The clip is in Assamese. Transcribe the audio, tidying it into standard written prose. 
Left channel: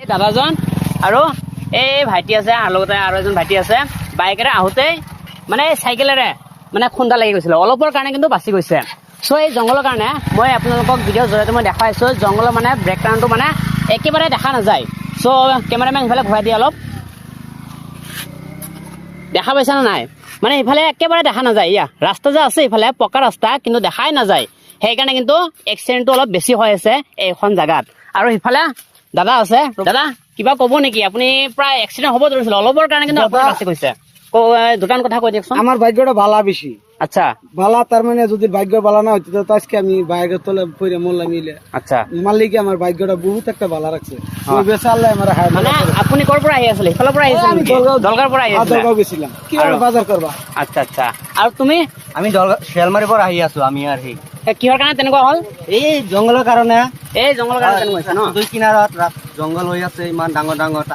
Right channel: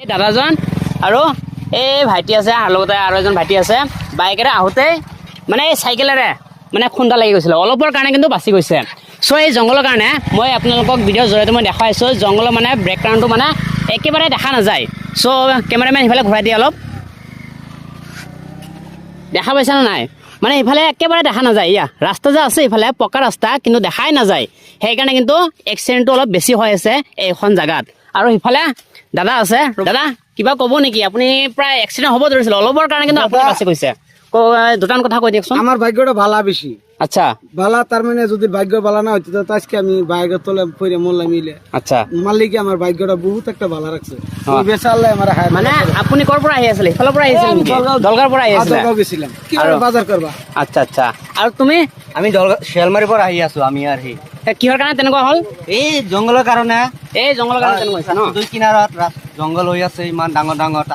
এই দাদাজন আৰু এই ভাইটি আছে আৰু লগতে আৰু এজন ভাইটি আছে বাইকেৰে আহোঁতে মানে চাইকেলেৰে মানে খুন্দা লাগি গৈছিলে অলপৰ কাৰণে কিন্তু বাচি গৈছে চ' এই জংঘলৰ কাৰণে মই আপোনালোকক ভিডিঅ'ৰ জৰিয়তে মই দেখাইছোঁ জংঘলৰ মানে ব্ৰেকগ্ৰাউণ্ডটো মানে একেবাৰে দেখা নাযায় চ' কেমেৰামেন সিফালে ঘূৰাই দিয়ে অলপ দেখা পাইছানে নাই মানে ইফালে একেবাৰে দেখা নাযায় ইয়া ৰাস্তা যে আছে ইফালে পকা ৰাস্তা কিন্তু দেখাই নাযায় সেইকাৰণে কিন্তু এক্সিডেণ্টটো অলপ বেছি হৈ আছে এইখন জেগাত আৰু সিফালে দাদা আছে দাদা কিবা ক'ব নেকি আপুনি প্ৰায় এক্সিডেণ্ট হ'ব ধৰিছিলে অলপৰ কাৰণে কিন্তু আপুনি বাচি গৈছে দুটামান কথা কৈ দিয়কচোন আমার ভাগ্যটা ভালা বেশি আচ্ছা ভালা তার মানে যদি ভাগ্য ভালা না হইতো তো আজকে আমি বাইকের তলে পড়ে মরলাম মিলে আচ্ছা মালিকে আমার ভাগ্যটা বহুত একটা ভালা রাখছে ওই বেচালে আমার হায় মানে আপুনি ক'ৰ পৰা আহি আছিলে ইফালৰ পৰা আহিছিলে নেকি দলগাঁৱৰ পৰা আহি আছিলে দলগাঁও গেছিলাম কি বাজাৰ কৰবা আচ্ছা আচ্ছা আৰু তুমি আমি শিয়ালমাৰীৰ পৰা আহি আছো আমি আৰু সেই কিহৰ কাৰণে তেনেকুৱা হ'ল এই জংঘলৰ কাৰণে এই জংঘলৰ কাৰণে তেনেকুৱা হৈছে ন দুই কিনাৰত জংঘল হৈ আছে ইমান ডাঙৰ ডাঙৰ